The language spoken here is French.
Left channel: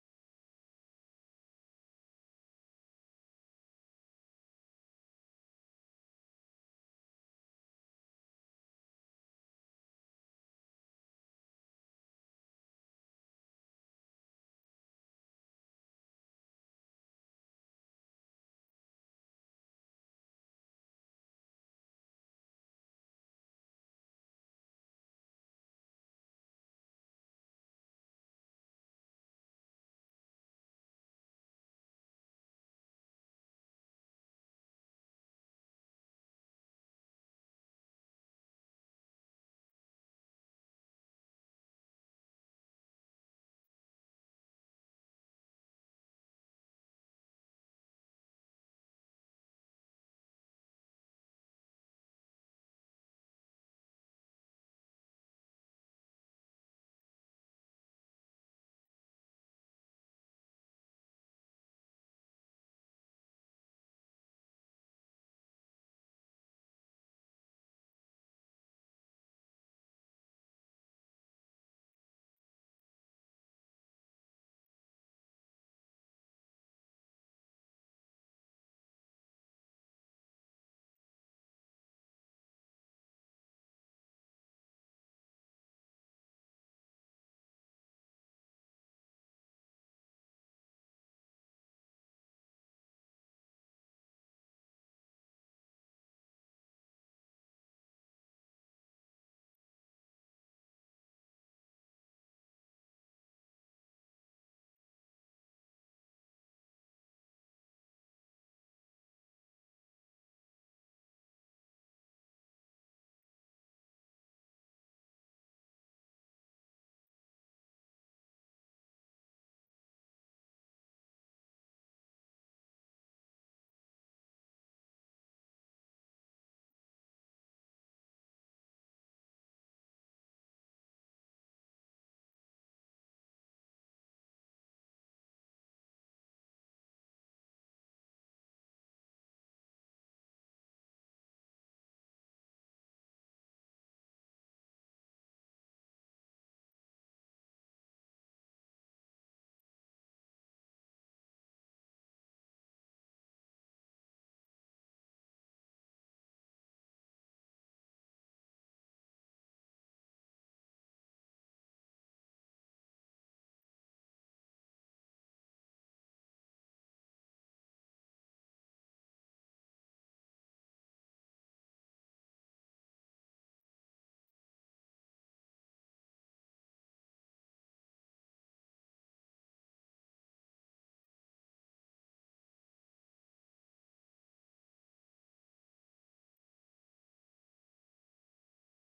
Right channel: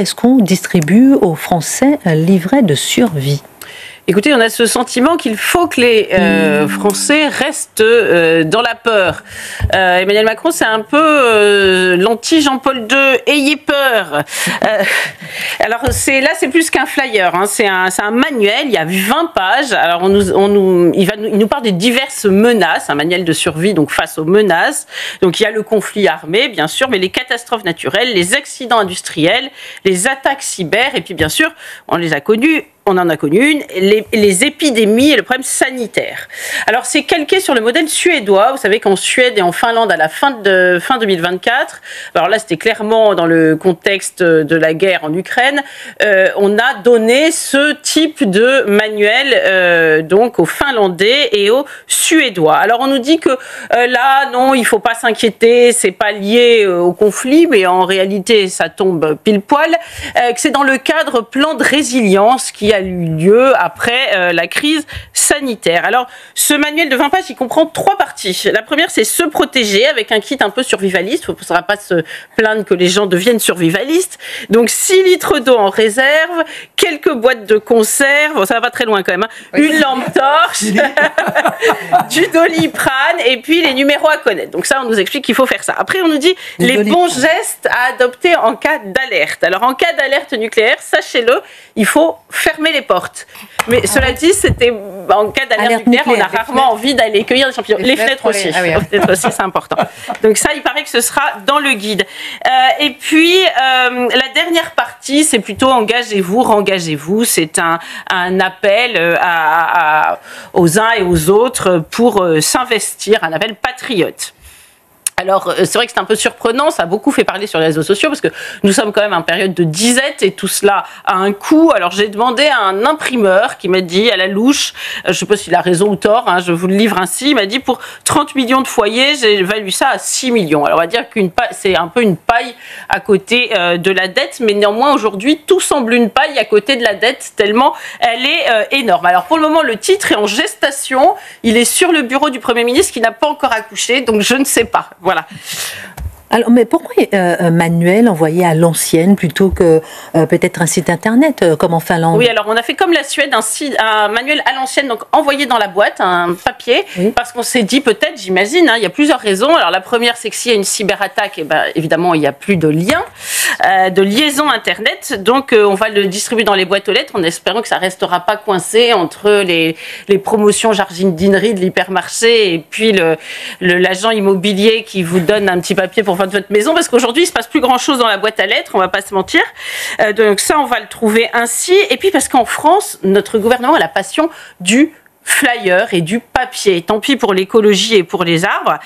est-ce qu'on distribue aux Français un livret de survie? Écoutez, on a ce sentiment qu'il faut que les Français restent dans la peur. Emmanuel Macron, c'est un peu l'anti-Jean-Paul II. Ayez peur. Alors là, c'est plus qu'un flyer. Hein. C'est un manuel. Il y a 20 pages. Alors il nous parle des diverses menaces. Un manuel de survie donc face aux menaces. Donc il y a le conflit armé, bien sûr, mais les catastrophes naturelles, les accidents industriels, les attaques cyber, et puis bien sûr, on les a connus. On en a connu une, les épidémies et le problème sanitaire. Alors, c'est calqué sur le modèle suédois. Vous savez qu'en Suède et en Finlande, à la fin 2024, alors là, c'était clairement dans le contexte de la guerre en Ukraine, on a donné ce type de manuel donc aux Finlandais et aux Suédois. Alors, on nous dit que là, non, il ne faut pas s'inquiéter, c'est pas lié au conflit, mais en réalité, ça tombe pile poil, que c'est dans le cadre plan de résilience qui a eu lieu après la crise sanitaire. Alors, ce manuel de 20 pages, il comprend 3 parties. La première, c'est se protéger avec un kit un peu survivaliste. Il ne faudra pas se plaindre que les gens deviennent survivalistes. Donc, 6 litres d'eau en réserve, quelques boîtes de conserve, bon, ça va pas très loin quand même, hein, une lampe torche, du Doliprane et puis les numéros à connaître. Donc ça, on nous explique qu'il faut faire ça. Après, on nous dit les bons gestes à adopter en cas d'alerte. Alors, en cas d'alerte nucléaire, sachez-le, il faut fermer les portes. Mais cela dit, c'était en cas d'alerte nucléaire, on a rarement envie d'aller cueillir des champignons. Les fenêtres aussi. Les fenêtres aussi, c'est important. Donc ça, il paraît que ce sera dans le guide. Et puis, la dernière partie, c'est plutôt engagez-vous, rengagez-vous. C'est un appel aux uns et aux autres pour s'investir, un appel patriote. Alors, c'est vrai que c'est un peu surprenant, ça a beaucoup fait parler sur les réseaux sociaux parce que nous sommes quand même en période de disette et tout cela a un coût. Alors, j'ai demandé à un imprimeur qui m'a dit à la louche, je ne sais pas s'il a raison ou tort, hein, je vous le livre ainsi, il m'a dit pour 30 millions de foyers, j'ai évalué ça à 6 millions. Alors, on va dire que c'est un peu une paille à côté de la dette, mais néanmoins, aujourd'hui, tout semble une paille à côté de la dette tellement elle est énorme. Alors, pour le moment, le titre est en gestation, il est sur le bureau du Premier ministre qui n'a pas encore accouché, donc je ne sais pas. Voilà. Alors, mais pourquoi un manuel envoyé à l'ancienne plutôt que peut-être un site internet comme en Finlande? Oui, alors on a fait comme la Suède, un manuel à l'ancienne, donc envoyé dans la boîte, un papier, parce qu'on s'est dit peut-être, j'imagine, hein, il y a plusieurs raisons. Alors la première, c'est que s'il y a une cyberattaque, eh ben, évidemment, il n'y a plus de lien, de liaison Internet, donc on va le distribuer dans les boîtes aux lettres en espérant que ça ne restera pas coincé entre les promotions jardinerie de l'hypermarché et puis l'agent immobilier qui vous donne un petit papier pour de votre maison, parce qu'aujourd'hui il se passe plus grand chose dans la boîte à lettres, on va pas se mentir, donc ça on va le trouver ainsi, et puis parce qu'en France notre gouvernement a la passion du flyer et du papier, tant pis pour l'écologie et pour les arbres.